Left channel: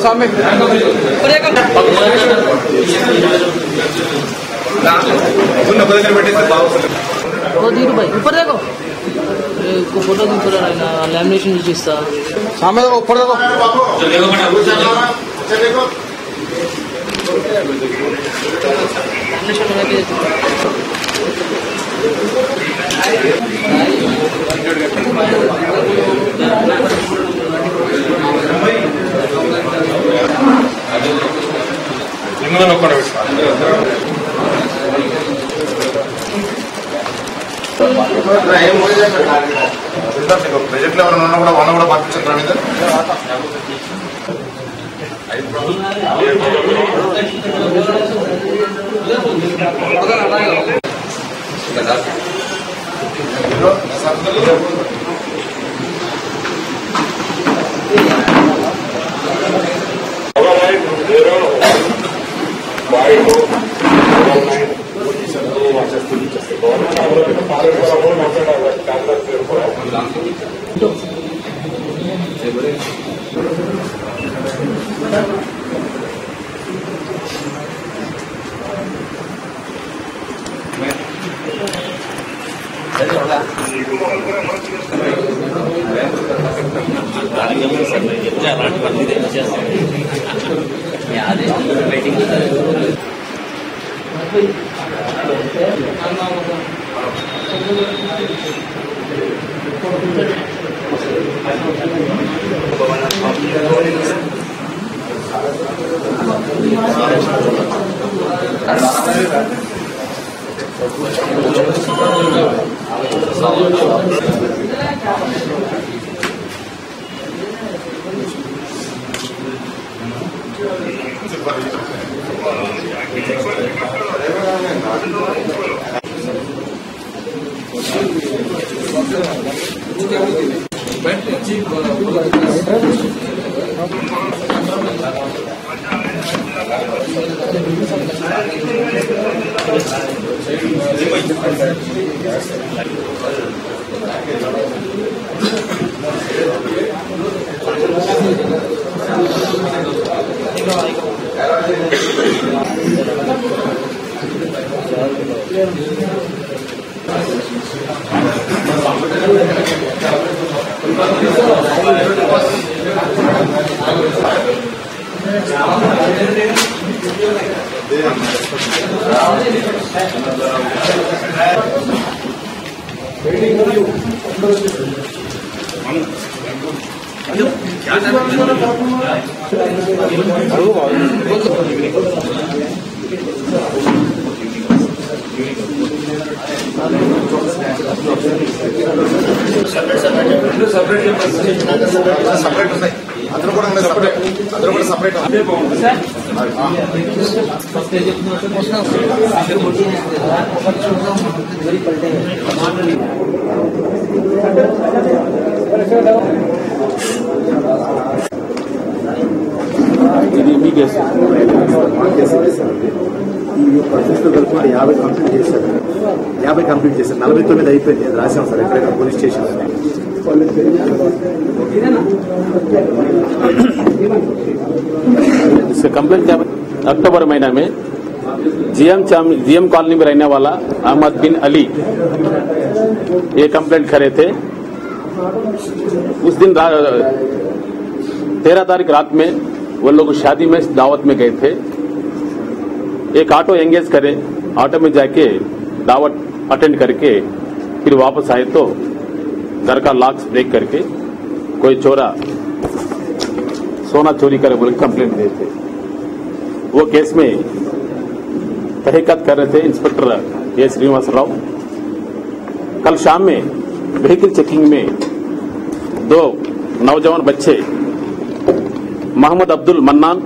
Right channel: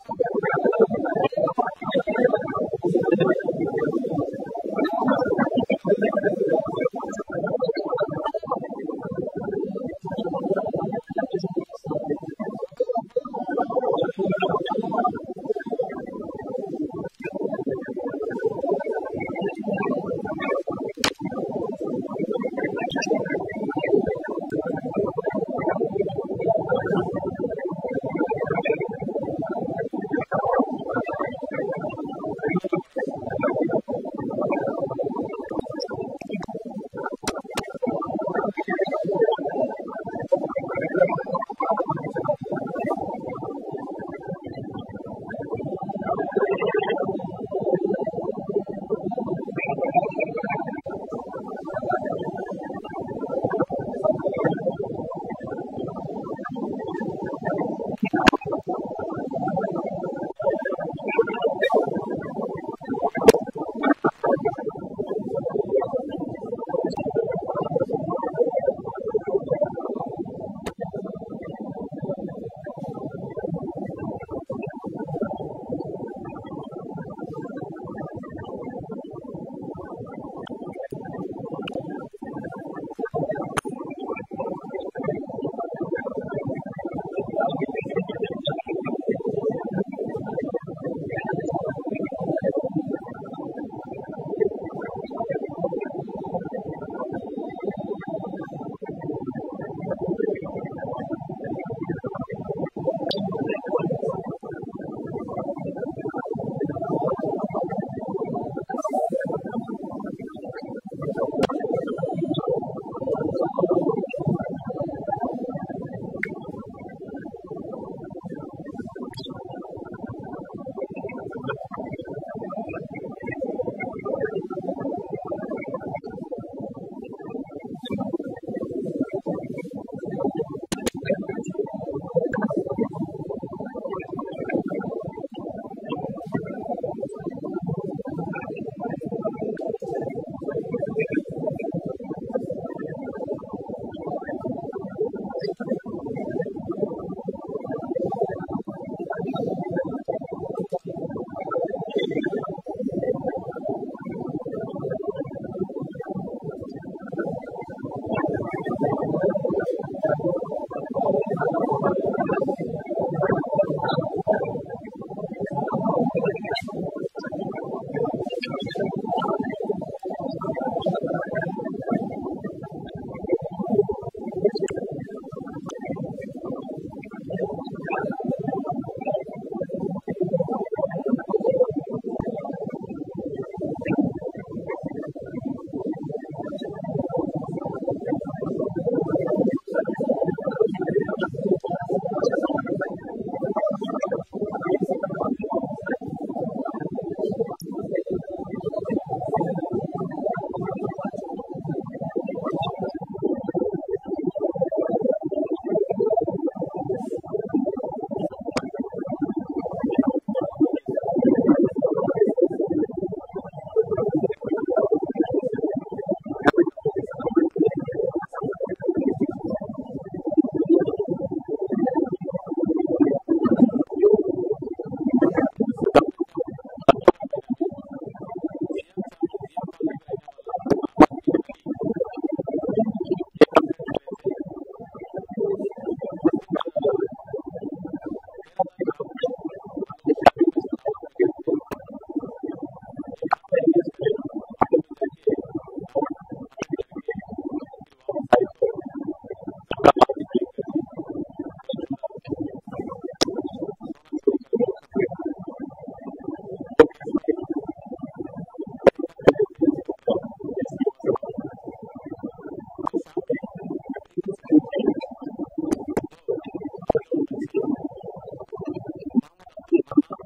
सामने वो धीरू भाई ऊपर देखो फोटो भी पूरा लैमिनेशन जो चीज था सामने देखो ऊपर देखो लैमिनेशन होना के प्रेजेंट లో ఎవరైనా ఉన్నా కూడా వాళ్ళని కూడా పంపించండి రవీందర్ సపరేట్ ఉన్నాయి అందరూ కూడా సపరేట్ ఇది మీ కేసు ఈ యొక్క అఫీస్తో కలుపుకుంటే 50 కంప్లీట్ చేశారు 49 అయిపోయింది అది రాశాం సార్ ఎక్కడైనా పోలీస్ स्टेशन इसका कंप्लेंट क्या अक्टूबर महीना में जीएम कॉलोनी में रहने वाला अहमद बिन अली ये कंप्लेंट करे थे। उस दिन 13 तारीख रात में वो लोग शादी में दावत में गए थे। एक ऑटो एंगेज करे, ऑटो में जाके दावत अटेंड करके फिर वापस आए तो घर का लॉक्स ब्रेक करके कोई चोरा सोना चोरी करे बोले कंप्लेंट दिए थे। वो केस में तहकीकात कर रहे थे इंस्पेक्टर ए श्रीनिवास राव। कल शाम में व्हीकल चेकिंग में 2 नौजवान बच्चे मोहम्मद अब्दुल मन्नान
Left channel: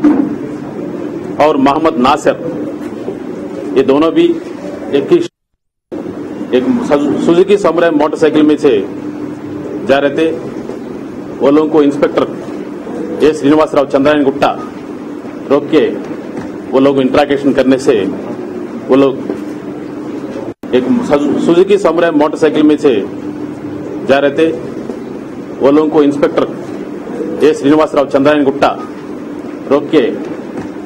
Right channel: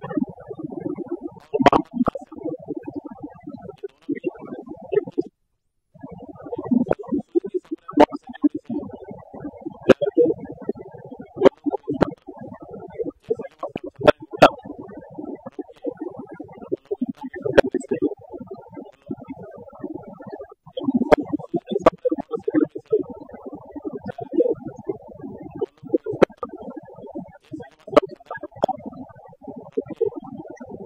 और मोहम्मद नासिर, ये दोनों भी एक सुजुकी समुराई मोटरसाइकिल में से जा रहे थे। वो लोगों को इंस्पेक्टर ए श्रीनिवास राव चंद्रायन गुट्टा रोक के वो लोग इंट्रागेशन करने से वो लोग एक सुजुकी समुराई मोटरसाइकिल में से जा रहे थे। वो लोगों को इंस्पेक्टर ए श्रीनिवास राव चंद्रायन गुट्टा रोक के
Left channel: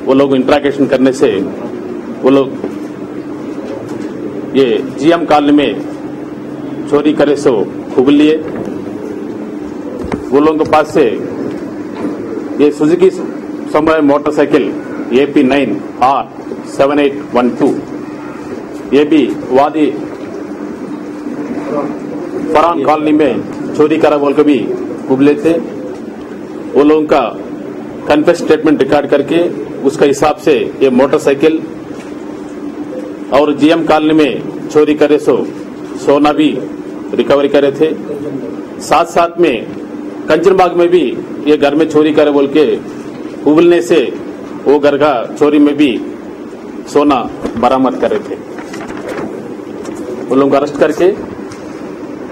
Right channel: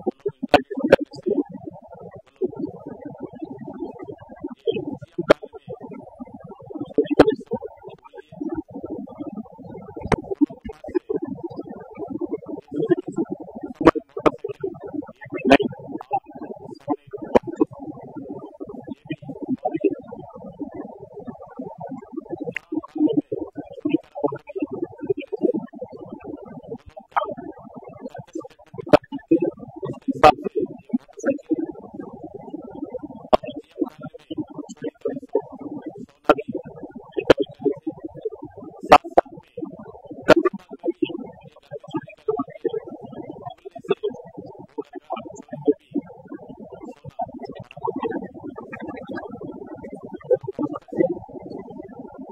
वो लोग इंट्रागेशन करने से वो लोग ये जीएम कॉलोनी में चोरी करे सो खूब लिए। वो लोगों के पास से ये सुजुकी समुराई मोटरसाइकिल AP9R7812 ये भी वादी फरहान कॉलोनी में चोरी करा बोल के भी खूब लेते। वो लोगों का कन्फेस स्टेटमेंट रिकॉर्ड करके उसका हिसाब से ये मोटरसाइकिल और जीएम कॉलोनी में चोरी करे सो सोना भी रिकवरी करे थे। साथ साथ में कंचनबाग में भी ये घर में चोरी करे बोल के उबलने से वो घर का चोरी में भी सोना बरामद करे थे। वो लोग अरेस्ट करके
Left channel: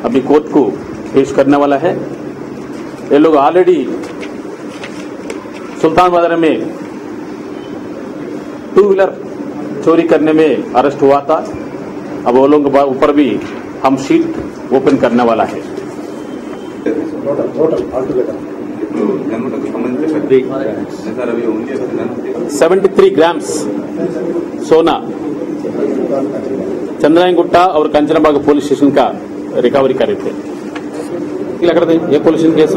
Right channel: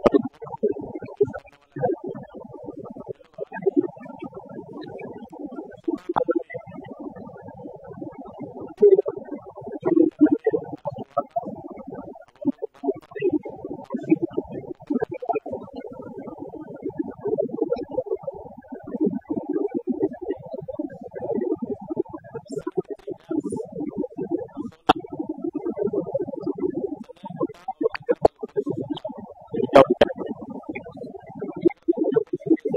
अभी कोर्ट को पेश करने वाला है। ये लोग ऑलरेडी सुल्तान बाजार में 2 व्हीलर चोरी करने में अरेस्ट हुआ था। अब वो लोगों के ऊपर भी हम शीट ओपन करने वाला है। टोटल ऑल टुगेदर 73 ग्राम्स सोना चंद्रायन गुट्टा और कंचनबाग पुलिस स्टेशन का रिकवरी करे थे। लग रहे थे ये पुलिस स्टेशन केस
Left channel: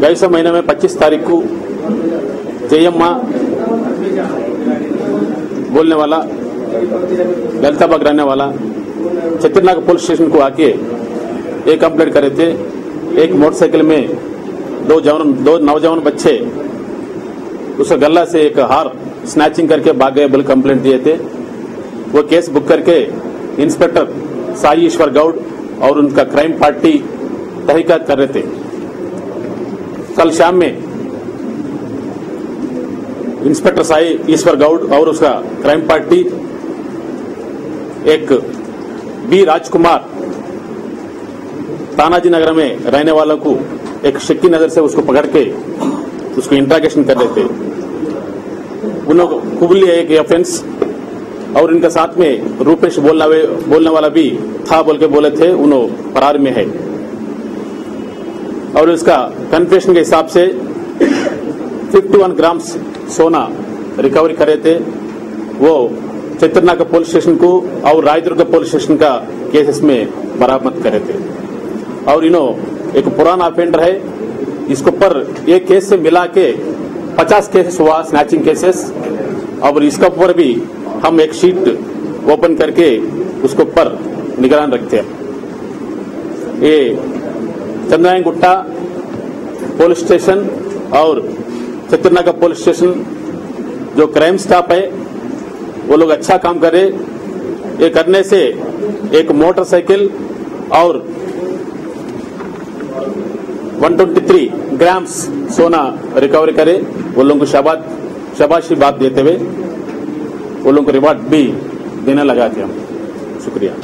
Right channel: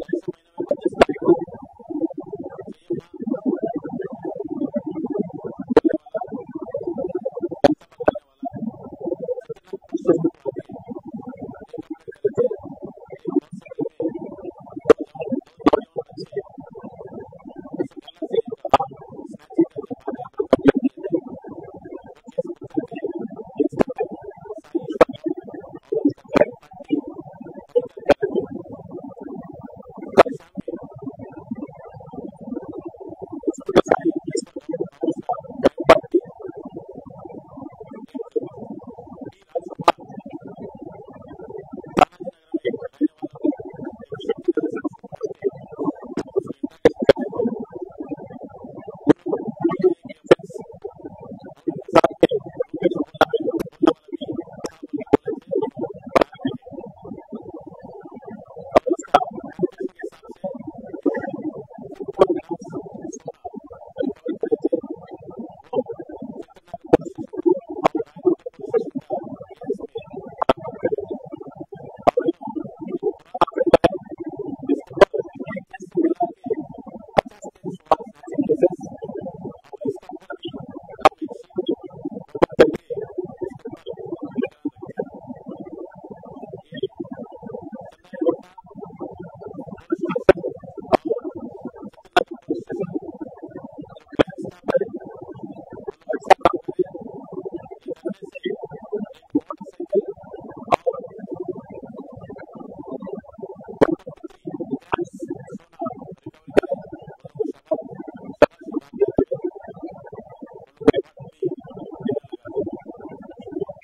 गए महीने में 25 तारीख को जयम्मा बोलने वाला ललिताबाग रहने वाला चित्रनाग पुलिस स्टेशन को आके एक कंप्लेंट करे थे। एक मोटरसाइकिल में 2 नौजवान बच्चे उस गल्ला से एक हार स्नैचिंग करके भाग गए बोले कंप्लेंट दिए थे। वो केस बुक करके इंस्पेक्टर साई ईश्वर गौड़ और उनका क्राइम पार्टी तहकीकात कर रहे थे। कल शाम में इंस्पेक्टर साई ईश्वर गौड़ और उसका क्राइम पार्टी एक बी राजकुमार तानाजी नगर में रहने वालों को एक शक्की नजर से उसको पकड़ के उसको इंट्रागेशन कर रहे थे। उन्होंने खूब लिया एक ऑफेंस और इनके साथ में रूपेश बोलने वाला भी था बोल के बोले थे। उन्होंने फरार में है और उसका कन्फेशन के हिसाब से 51 ग्राम्स सोना रिकवरी करे थे। वो चित्रनाग पुलिस स्टेशन को और रायदुर्ग पुलिस स्टेशन का केसेस में बरामद करे थे। और इन्हों एक पुराना ऑफेंडर है, इसके ऊपर एक केस से मिला के 50 केसेस हुआ स्नैचिंग केसेस। और इसके ऊपर भी हम एक शीट ओपन करके उसके ऊपर निगरान रखते हैं। ये चंद्रायन गुट्टा पुलिस स्टेशन और चित्रनाग पुलिस स्टेशन जो क्राइम स्टाफ है वो लोग अच्छा काम करे। ये करने से एक मोटरसाइकिल और 123 ग्राम्स सोना रिकवरी करे। वो लोगों को शाबाशी बात देते हुए वो लोगों को रिवार्ड भी देने लगाते हम। शुक्रिया।